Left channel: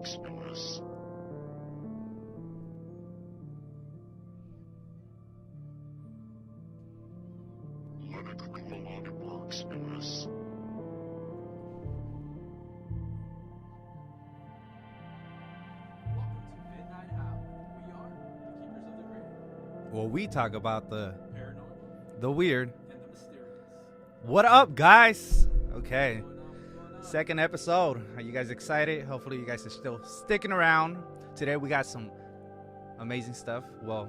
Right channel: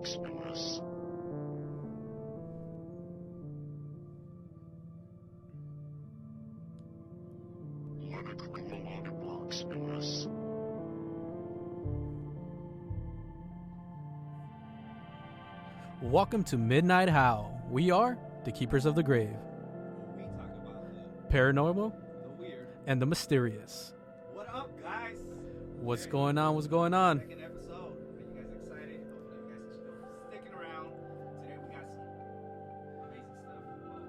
works in us. Let it go along and works in us. Welcome to Midnight Howl. We are the Keepers of the Grave, Well, we talk about the paranormal, the weird. and the mysterious. What up, guys? What's going on? What's going on? Second episode. Are you guys excited? Hopefully, you guys are still sticking around. Today, we got some amazing stuff. Well,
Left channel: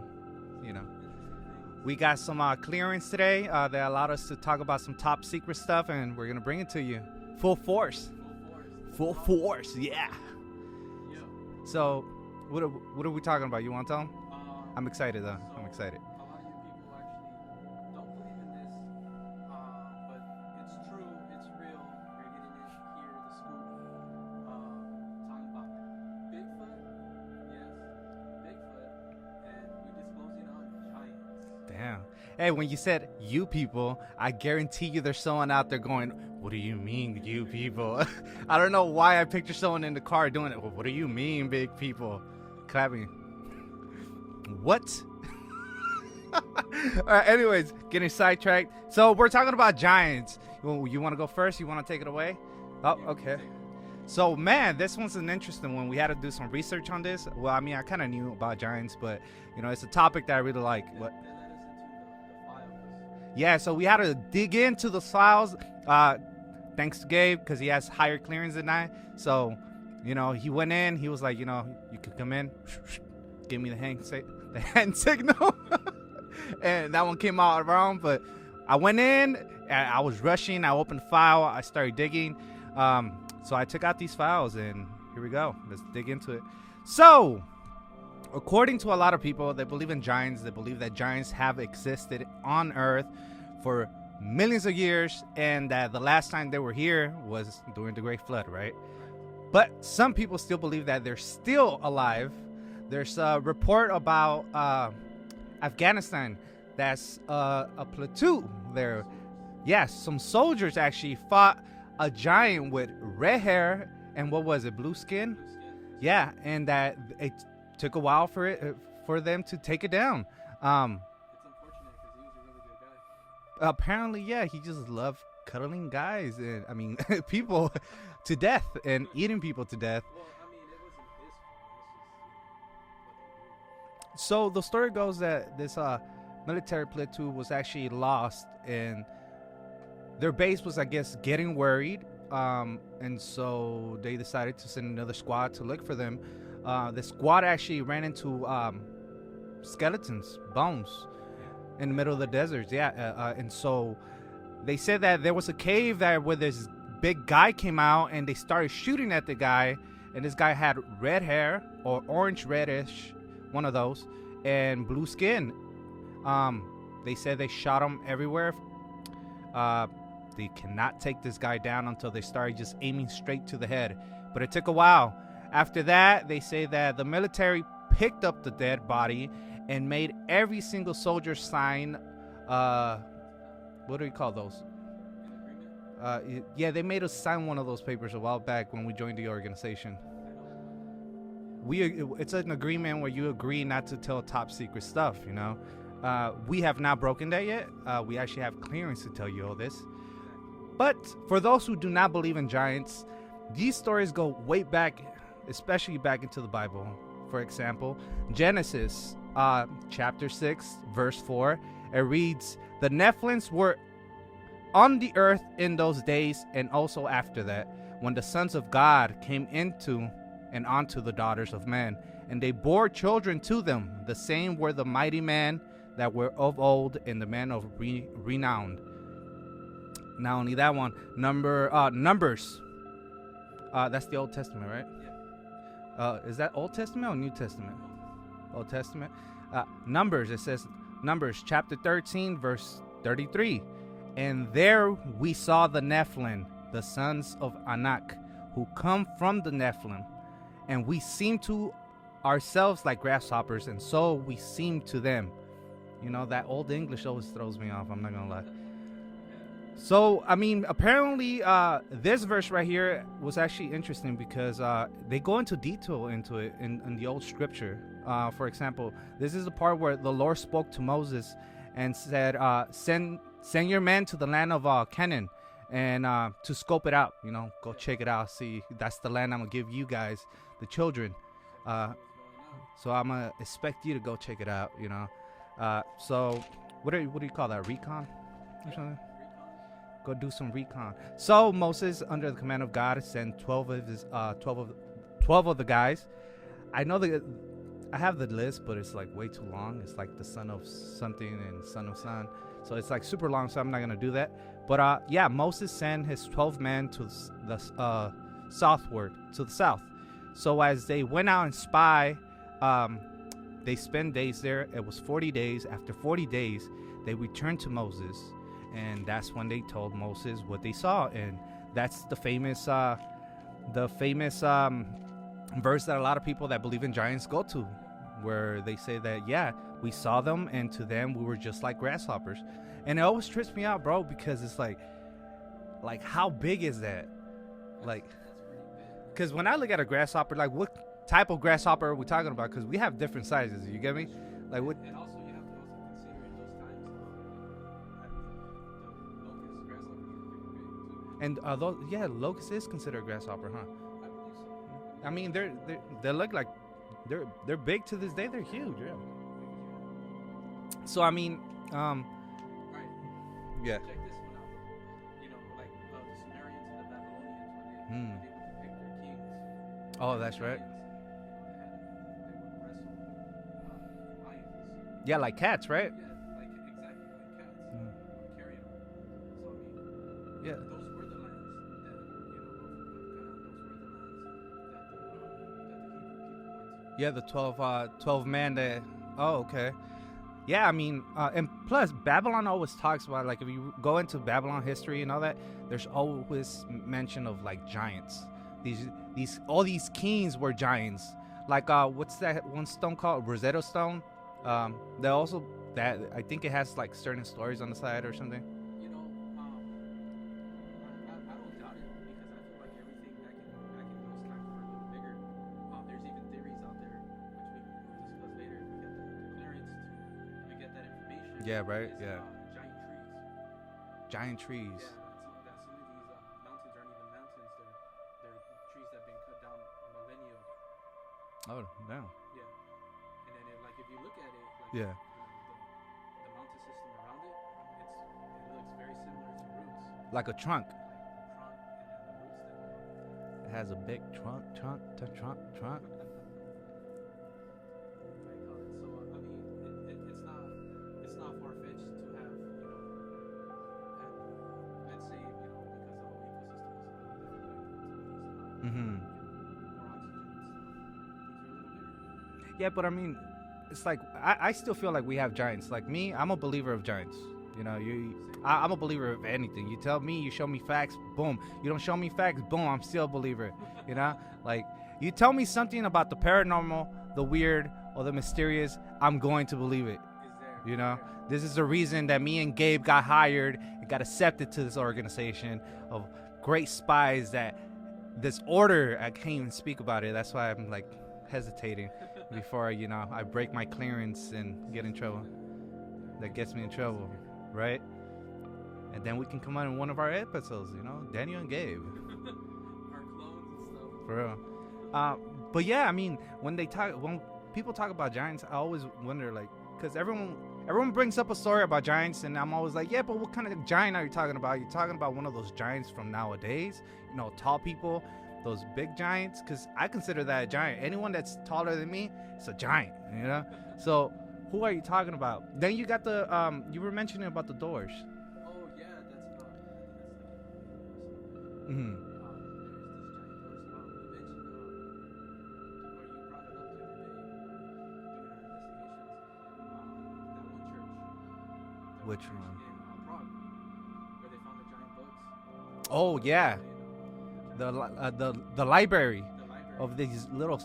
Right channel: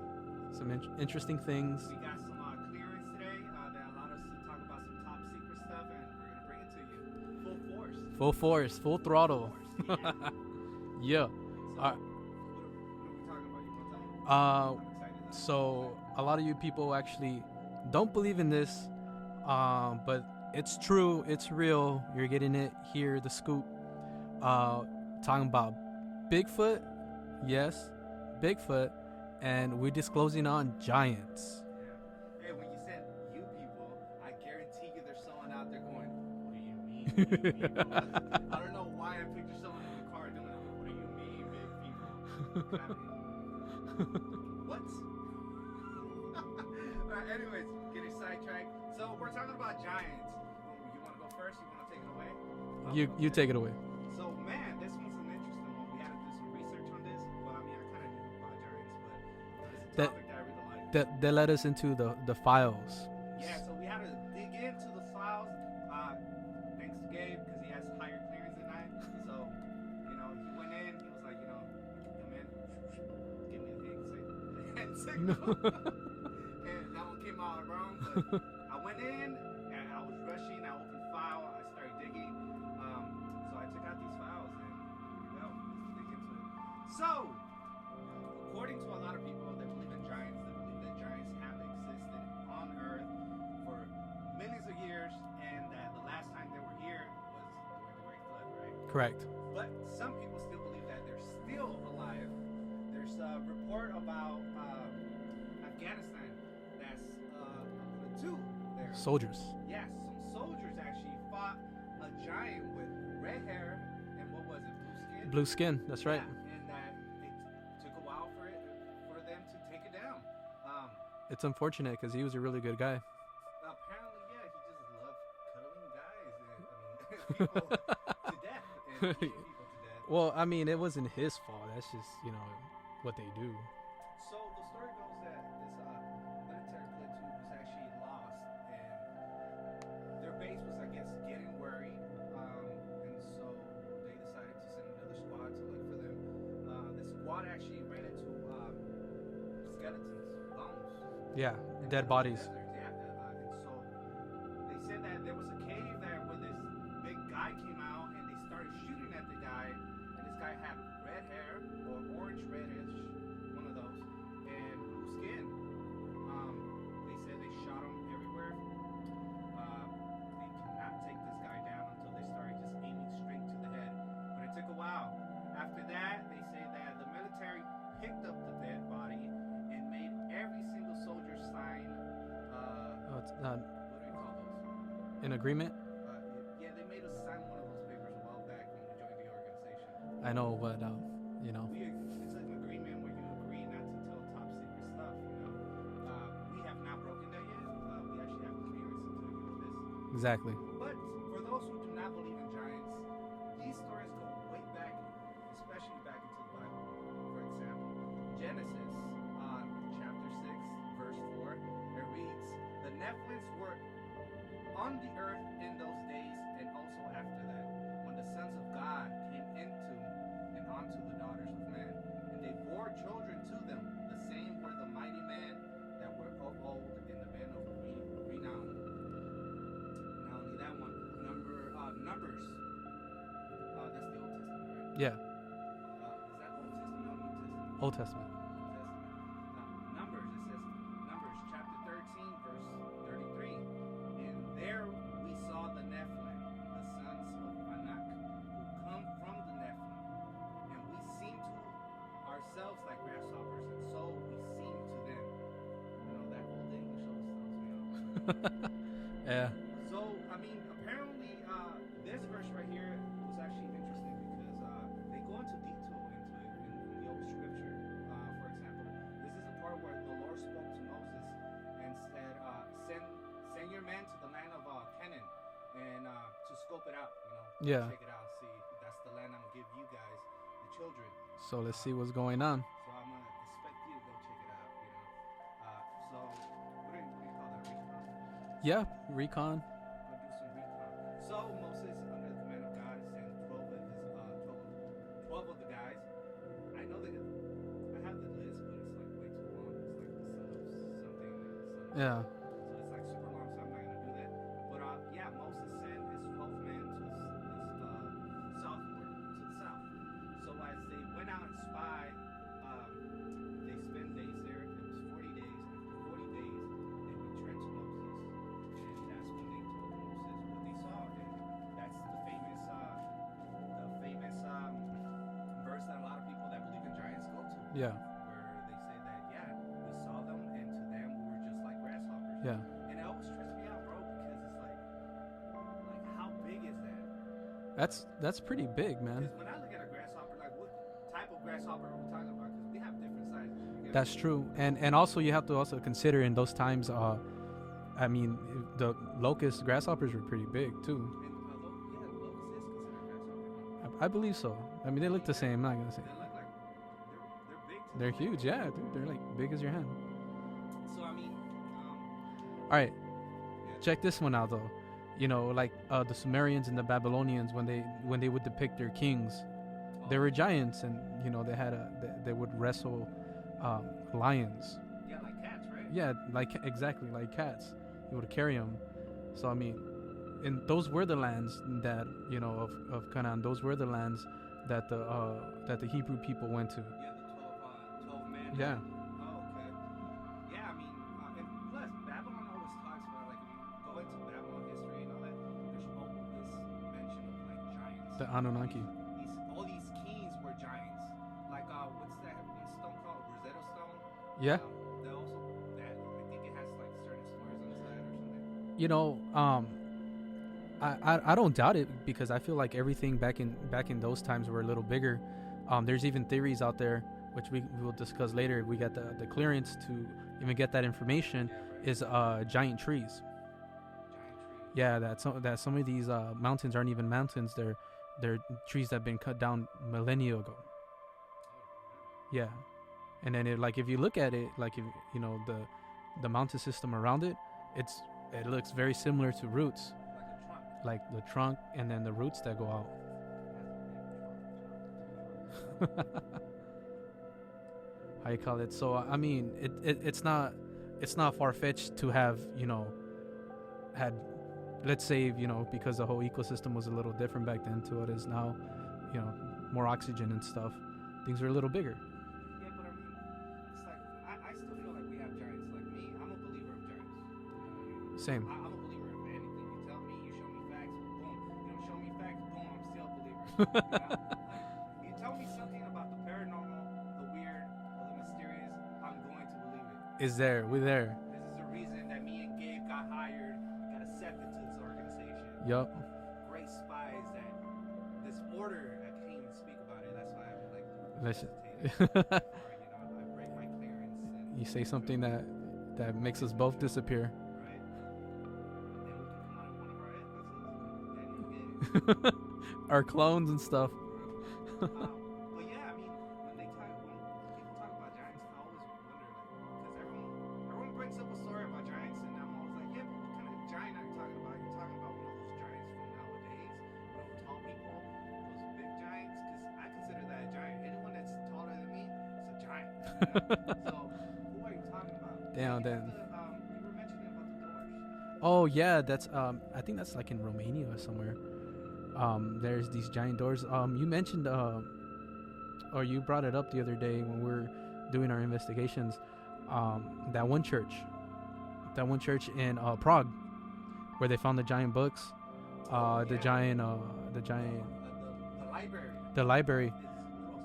Some you know, interesting things. we got some clearance today that allowed us to talk about some top secret stuff, and we're gonna bring it to you full force. full force, full Full throttle. force, yeah. Yeah. So, what are we talking about? You want to tell them? I'm excited though. So I'm excited. a lot of you people actually don't believe in this, but it's true. It's real. You're getting it here. The scoop. Talking about Bigfoot. Yes, Bigfoot, and we're disclosing on giants. Damn. Hey, when you said you people, I guarantee you there's someone out there going, what do you mean, you people? I don't know why I picture someone in the car doing it. Well, what do you mean, big people? Clapping. What? All right, anyways, getting sidetracked. So we're talking about giants. You want to go first? You want to take it away? Oh, You take it away. So, man, this one's an interesting one. We had to do some research on this. Well, I mean, I kind of knew about giants, but, you know, it's a topic that I really like. That led us into the files. Yeah, so we had to dig into the files. Thanks to Gabe, because he has higher clearance than I. So, you know, he went in. He was like, you know, you can come in. Give me the hand signal. And that one came out wrong. But I went in. I was rushing. I opened the file. I started digging. So I took out these files, and here we go. Let's dig into it. So, according to a lot of people, they believe in giants. They believe that giants have existed on Earth for millions of years, and that the last time they were here was during the Great Flood, right? Correct. But some people still believe that they're still alive. There's a report about Afghanistan that's a platoon there. Soldiers. Yes, some soldiers actually fought a giant with red hair and what was it, blue skin? Blue skin. That's Yeah, right. and that it took a while for them to take it down. It's unfortunate because he was a really good guy. Apparently, yeah, he just loved cuddling guys and people to death and eating people to death. Well, I mean, it wasn't his fault. That's just, what they do. So the story goes that this military platoon was actually lost, and their base was, I guess, getting worried, and so they decided to send another squad to look for them. The squad actually ran into skeletons, bones, Yeah. in the Dead middle of bodies. the desert. Yeah, and so they said that there was a cave there where this big guy came out, and they started shooting at the guy, and this guy had red hair or orange reddish, one of those, and blue skin. They said they shot him everywhere. They cannot take this guy down until they started just aiming straight to the head, but it took a while. After that, they say that the military picked up the dead body and made every single soldier sign what do we call those? In agreement? Yeah, they made us sign one of those papers a while back when we joined the organization. I know, but, It's an agreement where you agree not to tell top secret stuff, you know. We have not broken that yet. We actually have clearance to tell you all this. Exactly. But for those who do not believe in giants, these stories go way back, especially back into the Bible. For example, Genesis chapter 6, verse 4, it reads, "The Nephilims were on the earth in those days and also after that, when the sons of God came into and onto the daughters of men, and they bore children to them. The same were the mighty men that were of old and the men of renown." Not only that one, Numbers. That's the Old Testament, right? Yeah. Is that Old Testament or New Testament? Old Testament. Old Testament. Numbers, it says, Numbers chapter 13, verse 33. "And there we saw the Nephilim, the sons of Anak, who come from the Nephilim. And we seemed to ourselves like grasshoppers, and so we seemed to them." You know, that old English always throws me off, I'm not going to lie. Yeah. So, I mean, apparently, this verse right here was actually interesting because they go into detail into it in the old scripture. For example, this is the part where the Lord spoke to Moses and said, send your men to the land of Canaan and to scope it out, go check it out. See, that's the land I'm going to give you guys, the children. So let's see what's going on. So I'm going to expect you to go check it out, So what do you call that, recon? Yeah, recon. Go do some recon. So Moses, under the command of God, sent 12 of the guys. I know that I have the list, but it's like way too long. It's like the son of something and son of son. So it's like super long, so I'm not going to do that. But Moses sent his 12 men to the southward, to the south. So as they went out and spy, they spent days there. It was 40 days. After 40 days, they returned to Moses. And that's when they told Moses what they saw. And that's the famous verse that a lot of people that believe in giants go to. Yeah. Where they say that, we saw them, and to them we were just like grasshoppers. Yeah. And it always trips me out, bro, because it's like how big is that? That's pretty big, man. Because when I look at a grasshopper, like what type of grasshopper are we talking about? Because we have different sizes. You get me? That's true. Like and also you have to also consider in those times, I mean, the locust grasshoppers were pretty big too. And locust is considered a grasshopper, huh? I believe so. I mean, they look the same. They look like they're big to this day. Huge, they're like big as your hand. So I mean, all right. Yeah. Check this one out though. Like the Sumerians and the Babylonians when they would depict their kings, they were giants, right. And they had they would wrestle lions. Yeah, like cats, right? Yeah, exactly like cats. And they would carry them. So I mean, yeah. Those were the lands that of Canaan. Those were the lands that the Hebrew people went to. Yeah, the 12 men. That. Oh, okay. Yeah, I mean, and plus Babylon always talks about, like, if you go into Babylon history and all that, there's always mention of like giants. The Anunnaki. All these kings were giants. Like what's that one stone called? Rosetta Stone. Yeah. They also that I think it has like certain stories on the side or something. I don't doubt it, because I feel like everything back in those times were a little bigger. There's even theories out there, which we will discuss later if we get the clearance to even get that information. Yeah, right. Is giant trees. Giant trees. Yeah, that some of these mountains aren't even mountains. They're trees that have been cut down millennia ago. Oh, no. Yeah, and then if you look at it, the mountain system around it, it looks very similar to roots. Like a trunk. Like the trunk and then the roots that go out. It has a big trunk. How you call it? So I mean, it's not far-fetched to have had, let's say, because the whole ecosystem was a little different back then to what it is now. Mm-hmm. More oxygen and stuff. Things are a little bigger. Yeah, but I mean, it's like I still feel like we have giants. Like me, I'm a believer of giants. Same. I'm a believer of anything. You tell me, you show me facts, boom. You don't show me facts, boom. I'm still a believer. Like you tell me something about the paranormal, the weird, or the mysterious, I'm going to believe it. It's there. There. This is the reason that me and Gabe got hired and got accepted to this organization of great spies. That this order, I can't even speak about it. That's why I'm like hesitating before I break my clearance and you say something that makes us both disappear. Right? And then we can come out in one of our episodes, Daniel and Gabe. Our clones and stuff. For real. But yeah, I mean, when people talk about giants, I always wonder, like, because everyone brings up a story about giants, and I'm always like, yeah, but what kind of giant are you talking about? You're talking about one of those giants from nowadays, tall people, those big giants? Because I consider that a giant. Anyone that's taller than me, it's a giant, So who are you talking about? Yeah, then you got the you were mentioning about the doors. Oh yeah, that's I think that's like in Romania or somewhere. Mm-hmm. There's these giant doors. You mentioned or you brought it up the other day when we were doing our investigations. That one church in Prague, where they found the giant books. Oh yeah, the library. The library of these little.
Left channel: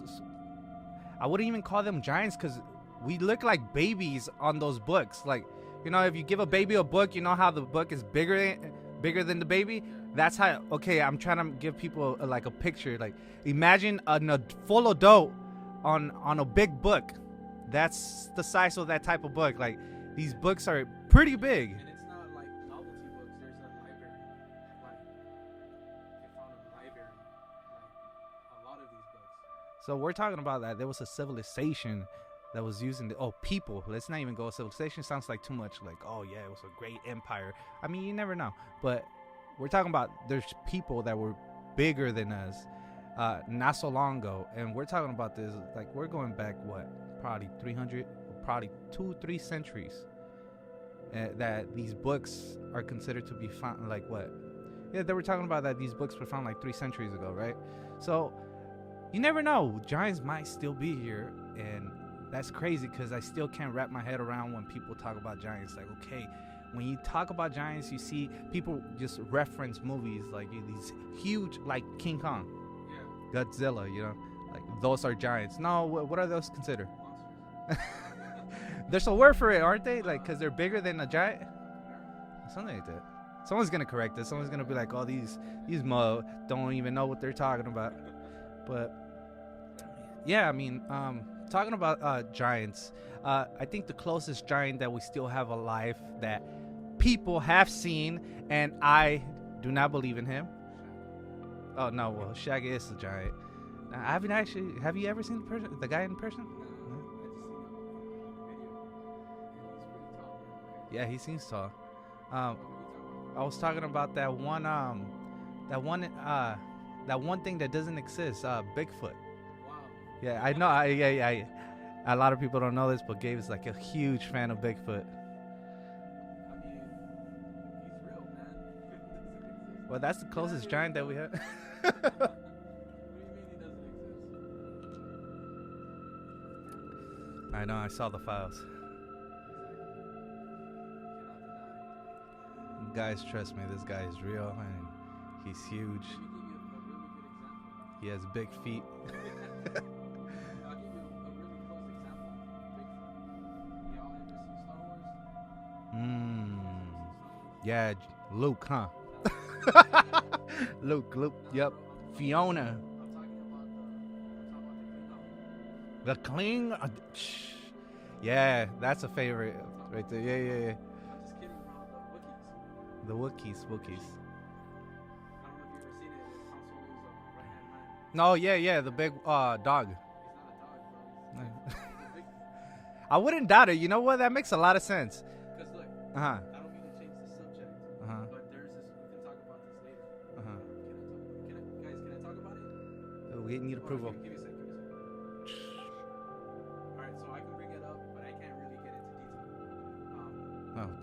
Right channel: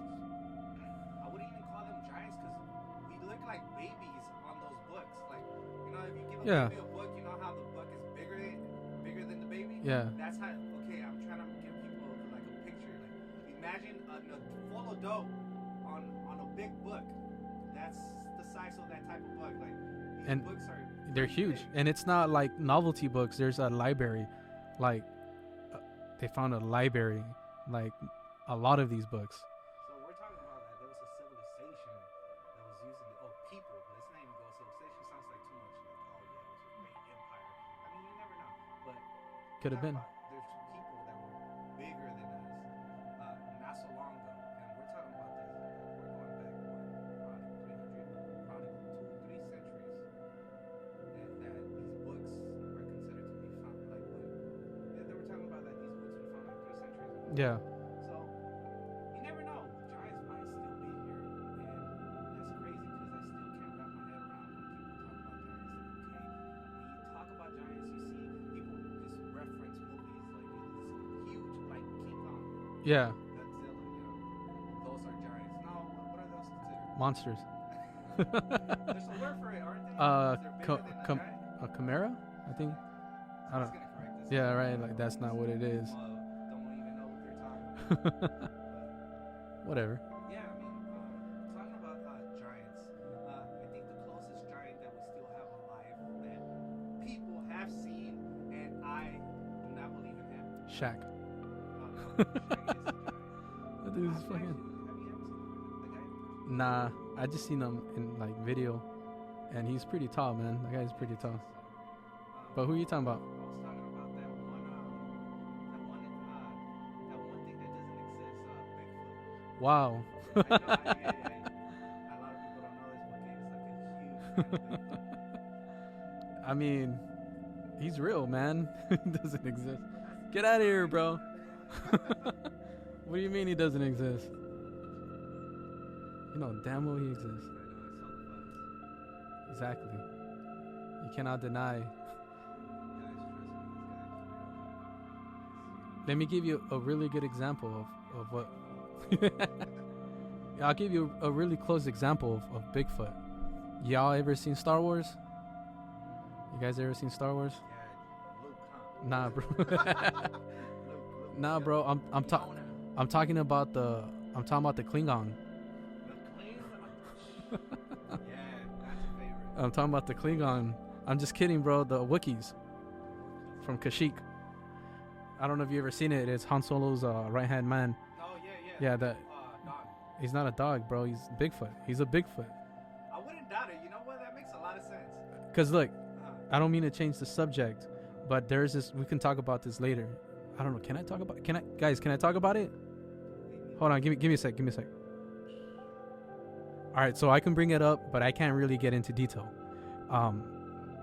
I wouldn't even call them giants because we look like babies on those books. Like, if you give a baby a book, how the book is bigger bigger than the baby. Yeah. That's how. Okay, I'm trying to give people like a picture. Like, imagine a full adult on a big book. That's the size of that type of book. Like, these books are pretty huge. big. And it's not like novelty books. There's a library. Like, they found a library. Like, a lot of these books. So we're talking about that. There was a civilization that was using people. Let's not even go. Civilization sounds like too much. Like, oh yeah, it was a great empire. I mean, you never know. But we're talking about there's people that were bigger than us, not so long ago, and we're talking about this. Like, we're going back probably 300, probably 2-3 centuries. That these books are considered to be found. Like what? Yeah, they were talking about that these books were found like 3 centuries ago. Right? Yeah. So you never know. Giants might still be here, and that's crazy because I still can't wrap my head around when people talk about giants. Like, okay, when you talk about giants, you see people just reference movies like these huge, like King Kong, Yeah. Godzilla. You know, like those are giants. No, what are those considered? Monsters. There's a word for it, aren't they? Like, because they're bigger than a giant. A chimera? Something like that. Someone's gonna correct us. Someone's gonna be like, "Oh, That's not what it these is. don't even know what they're talking about." But Whatever. yeah, I mean, talking about giants, I think the closest giant that we still have alive that people have seen, and I do not believe in him. Shaq. Oh no, well, Shaq is a giant. I haven't actually. Have you ever seen the guy in person? Nah, I just seen him in like video, and he's pretty tall, man. The guy's Yeah, pretty he tall. seems tall. But who are you talking about? I was talking about that one thing that doesn't exist, Bigfoot. Wow. Yeah, I know. A lot of people don't know this, but Gabe is like a huge fan of Bigfoot. I mean, he's real, man. He doesn't exist. Well, that's the Get outta closest here, giant bro. that we have. What do you mean he doesn't exist? You know damn well he exists. I know. I saw the files. Exactly. You cannot deny. Guys, trust me. This guy is real, and he's huge. Let me give you a really good example of. He has of big feet. I'll give you a really close example of Bigfoot. Y'all ever seen Star Wars? You guys ever seen Star Wars? Yeah, Luke, huh? Nah, bro. Luke. Nah, yep. bro. I'm Fiona. I'm talking about the Klingon. The Kling. Yeah, that's a favorite. I'm talking about the Klingon. Yeah. I'm just kidding, bro. The Wookiees The Wookiees from Kashyyyk. I don't know if you ever seen it. It's Han Solo's right hand man. No, yeah, Yeah, the big dog. He's not a dog, bro. He's Bigfoot. He's a Bigfoot. I wouldn't doubt it. You know what? That makes a lot of sense. Cause look, Uh-huh. I don't mean to change the subject, Uh-huh. but there's this. We can talk about this later. Uh-huh. I don't know. Can I talk about? Can I, guys? Can I talk about it? We need Hold on. approval. Give me a sec. All right. So I can bring it up, but I can't really get into detail. Oh,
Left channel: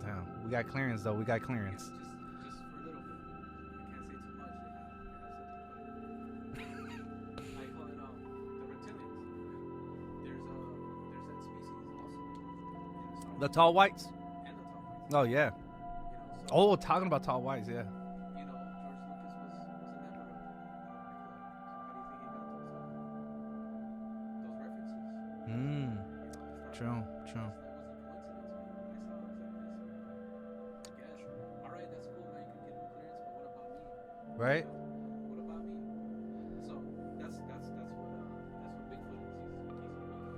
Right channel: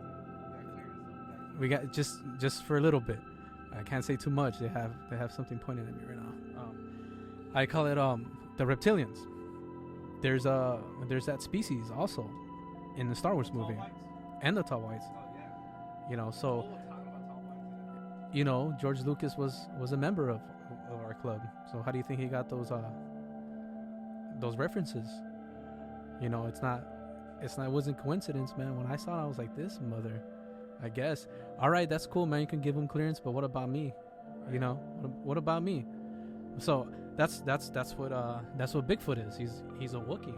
damn. We got clearance though. We got clearance. We got just for a little bit. I can't say too much. They have something pointed at me right now. I call it the reptilians. There's that species also in the Star Wars. the tall movie. whites. And the tall whites. Oh yeah. You know, so Oh, talking about tall whites, yeah. you know, George Lucas was a member of our club. So how do you think he got those references? You know, it's not. True. It wasn't coincidence, man. When I saw it, I was like, this mother. I guess. All right, that's cool, man. You can give him clearance, but what about me? Right. You know, what about me? So that's what Bigfoot is. He's a Wookiee.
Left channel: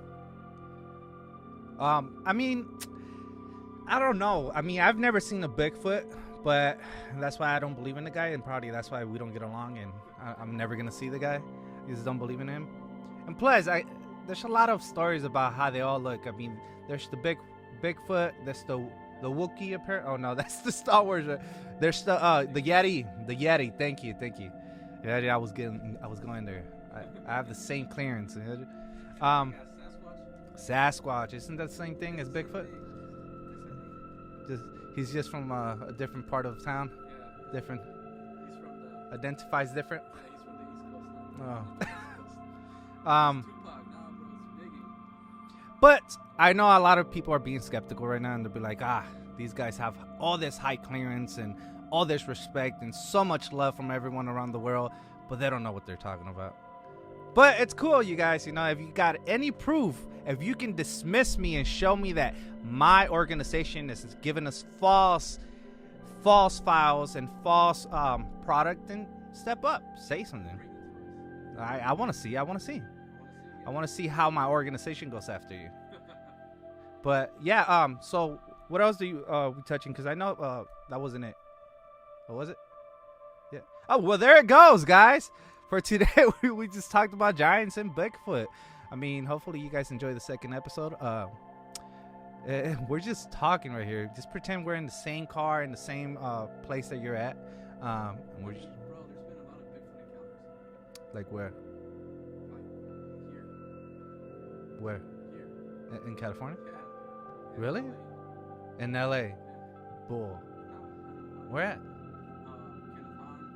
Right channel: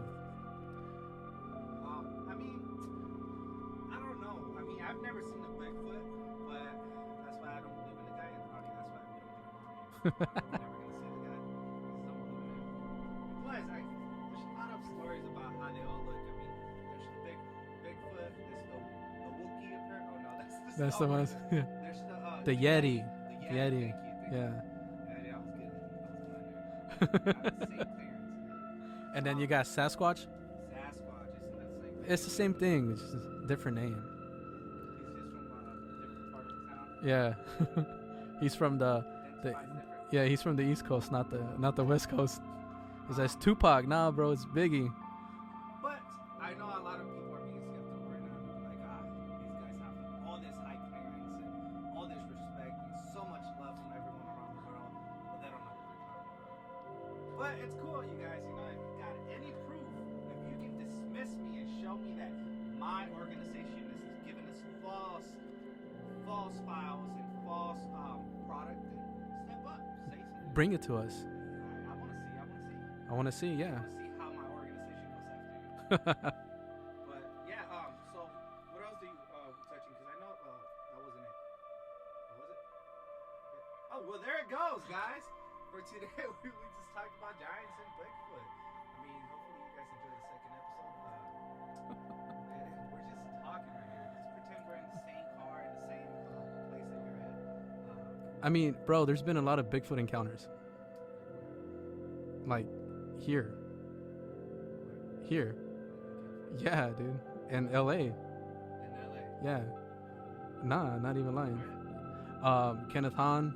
I mean, I don't know. I mean, I've never seen a Bigfoot, but that's why I don't believe in the guy, and probably that's why we don't get along, and I'm never gonna see the guy. I just don't believe in him. And plus, there's a lot of stories about how they all look. I mean, there's the Bigfoot. There's the Wookiee apparently. Oh no, that's the Star Wars. There's the Yeti. The Yeti. Thank you. Yeah, I was going there. I have the same clearance. And then you got Sasquatch. Sasquatch, isn't that the same thing? It's as the same Bigfoot? thing. It's just a different name. He's just from a different part of town. Yeah. Different. He's from the. Identifies different. Yeah, he's from the East Coast, not the West Coast. There's Tupac. Nah, bro, it's Biggie. But I know a lot of people are being skeptical right now, and they'll be like, these guys have all this high clearance and all this respect and so much love from everyone around the world, but they don't know what they're talking about. But it's cool, you guys. You know, if you got any proof, if you can dismiss me and show me that my organization is giving us false false files and false product, then step up, say something. Bring it to us. I want to see. I want to see. Yeah. I want to see how my organization goes after you. But yeah, so what else do you we touching? Because I know that wasn't it. What was it? Yeah. Oh well, there it goes, guys. For today, we just talked about giants and Bigfoot. I mean, hopefully you guys enjoy the second episode. We're just talking right here. Just pretend we're in the same car in the same place that you're at. I mean, bro, there's been a lot of Bigfoot encounters. Like where? Like here. Where? Here. In California? Yeah, dude. In Really? LA. In LA? Yeah. Bull. Nah, not even lying. Where at? Kenneth Hahn.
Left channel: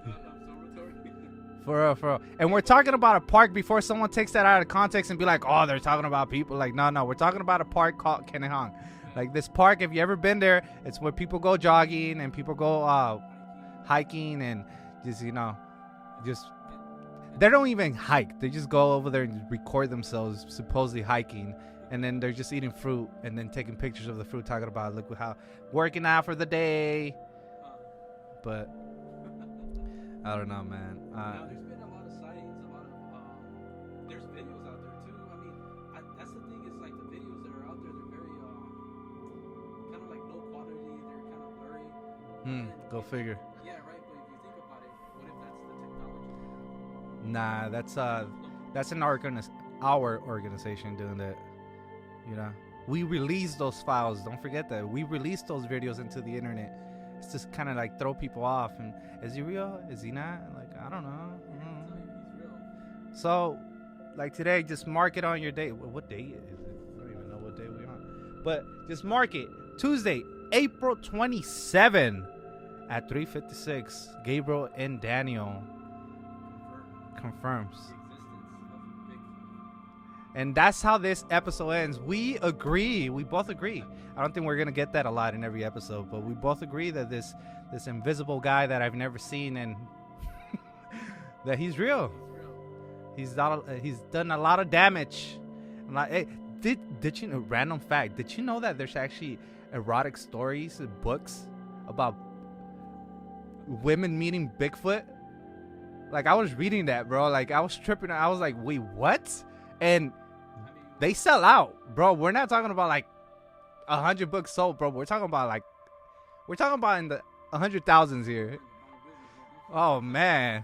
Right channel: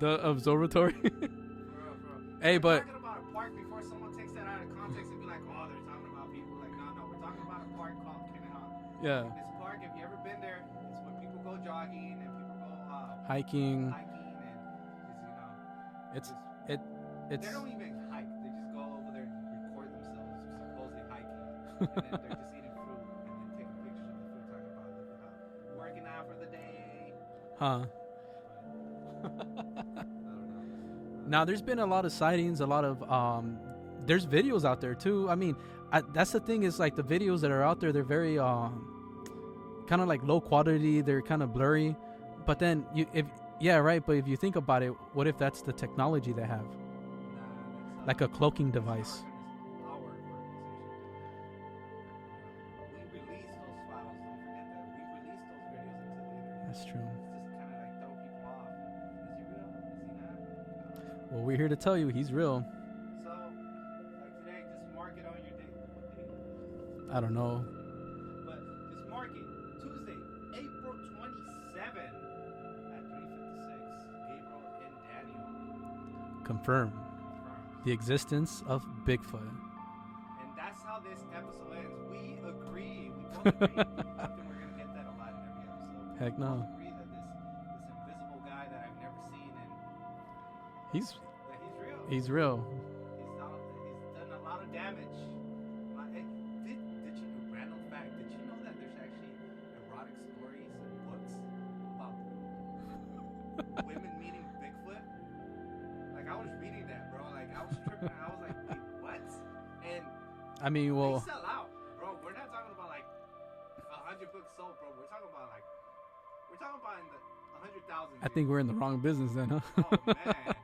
The observatory. For real. And Hey, we're but- talking about a park before someone takes that out of context and be like, oh, they're talking about people. Like, no, we're talking about a park called Kennehan. Yeah. Like this park, if you ever been there, it's where people go jogging and people go hiking and just, you know, it they don't even hike. They just go over there and record themselves supposedly hiking. And then they're just eating fruit and then taking pictures of the fruit, talking about, look how working out for the day. But I don't know, man. Now there's been a lot of sightings, a lot of there's videos out there too. I mean, that's the thing, is like the videos that are out there, they're very kind of like low quality, they're kind of blurry. But then yeah, right, but if you think about it, what if that's the technology they have? Nah, that's like a cloaking device. That's our organization doing that. You know, we release those files. Don't forget that we release those videos into the internet. That's true. It's just kind of like throw people off. And is he real? Is he not? Like, I don't know. Well, we're here to tell you he's real. So, like today, just mark it on your date. What day is it? I don't know. What day we on. But just mark it. Tuesday, April 27 at 3:56. Gabriel and Daniel confirms the existence of Bigfoot. And that's how this episode ends. We agree. We both agree. I don't think we're gonna get that a lot in every episode, but we both agree that this invisible guy that I've never seen, and he's real. He's real. He's done a lot of damage. Hey, did you know? Random fact. Did you know that there's actually erotic stories and books about women meeting Bigfoot? Like, I was reading that, bro. Like, I was tripping. I was like, wait, what? And I mean, they sell out, bro. We're not talking about like 100 books sold, bro. We're talking about in the 100,000s here. I think we're in the wrong business then, huh? Oh man.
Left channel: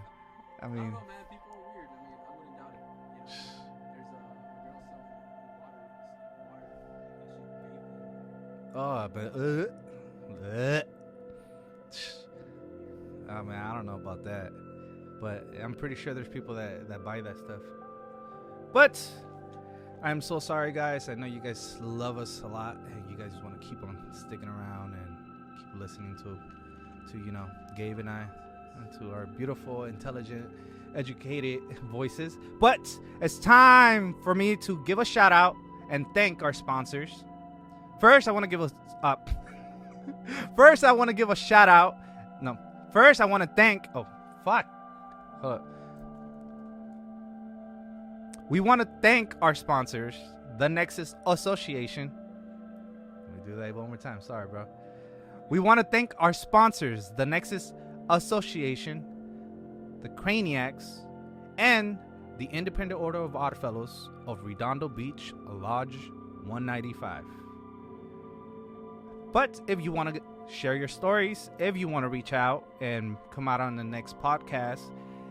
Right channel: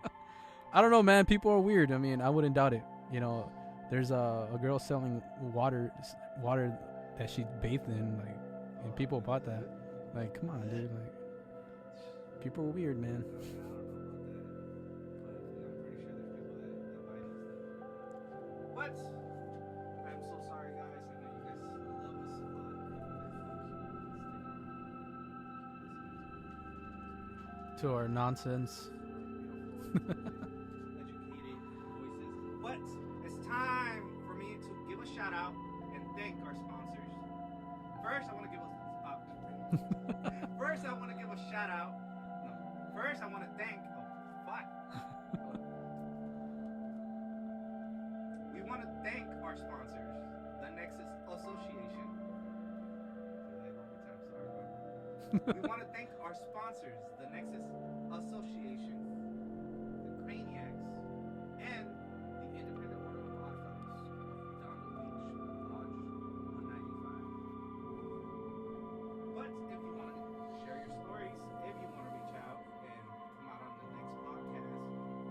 I don't know, man. People are weird. I mean, I wouldn't doubt it. You know, there's a girl selling water that she bathed in. Like, people bought that. Like, come on, dude, like, people are weird, man. Oh man, I don't know about that, but I'm pretty sure there's people that buy that stuff. But I'm so sorry, guys. I know you guys love us a lot, and you guys want to keep on sticking around and keep listening to you know, Gabe to our and nonsense, to our beautiful, intelligent, educated voices. But it's time for me to give a shout out and thank our sponsors. First, I want to give a First, I want to give a shout out. No. First, I want to thank. Oh, fuck. Hold up. We want to thank our sponsors, the Nexus Association. Let me do that one more time. Sorry, bro. We want to thank our sponsors, the Nexus Association, the Craniacs, and the Independent Order of Oddfellows of Redondo Beach, Lodge 195. But if you want to share your stories, if you want to reach out and come out on the next podcast,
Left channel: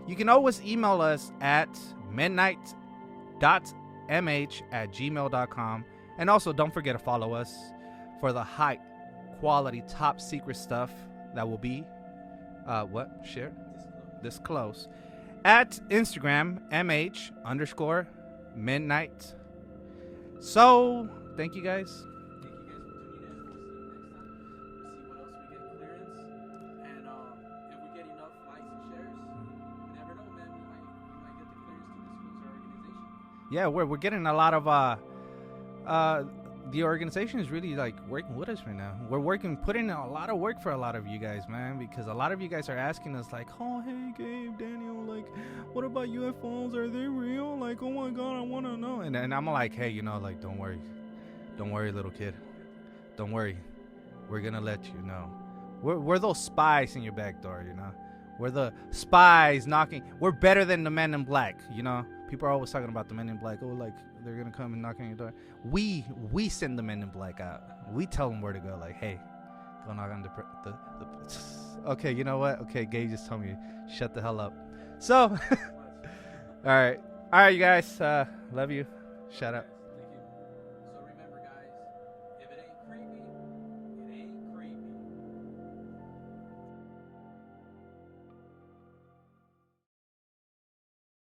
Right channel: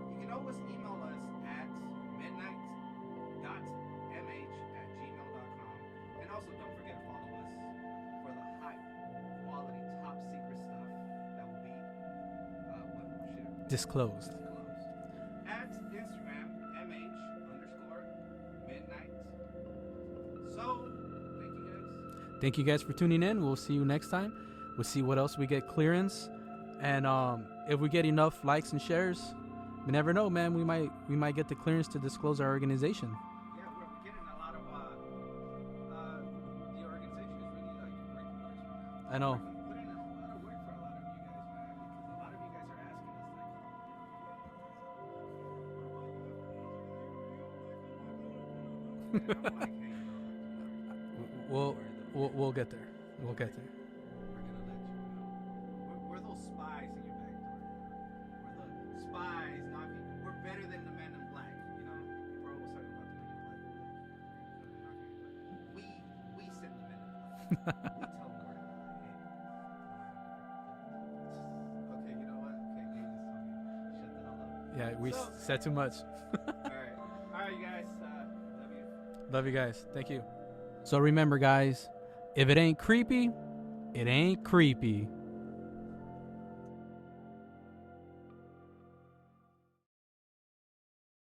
you can always email us at midnight.mh@gmail.com. And also, don't forget to follow us for the high quality, top secret stuff that will be disclose at Instagram MH_midnight. So thank you guys. Thank you guys for tuning in. We'll see you next time. We'll see what else we get clearance, and if we get enough likes and shares, we never know, man. We might get the clearance to disclose our organization. Yeah, we're getting a lot of the organization is really like working with us right now. We're putting in a lot of work for a lot of you guys, man, because a lot of you guys are asking us like, oh, hey, Gabe, Daniel, like, what about UFOs? Are they real? Like, oh my God, I want to know. And I'm like, hey, you know, like, don't worry. Don't worry, little kid. We'll get there. Don't We'll worry. get there. We're gonna let you know. We're those spies in your back door, you know. We're the spies knocking. We're better than the Men in Black, you know. People are always talking about the Men in Black. Oh, like they're gonna come and knock on your door. We send the Men in Black out. We tell them where to go. Like, hey, go knock on the. Okay, you know what? Okay, Gabe just told me shut the hell up. Yeah. We So said too much. all right, you guys. Love you. Love Shout you out. guys. Thank you. So remember, guys, if it ain't creepy, it ain't creepy.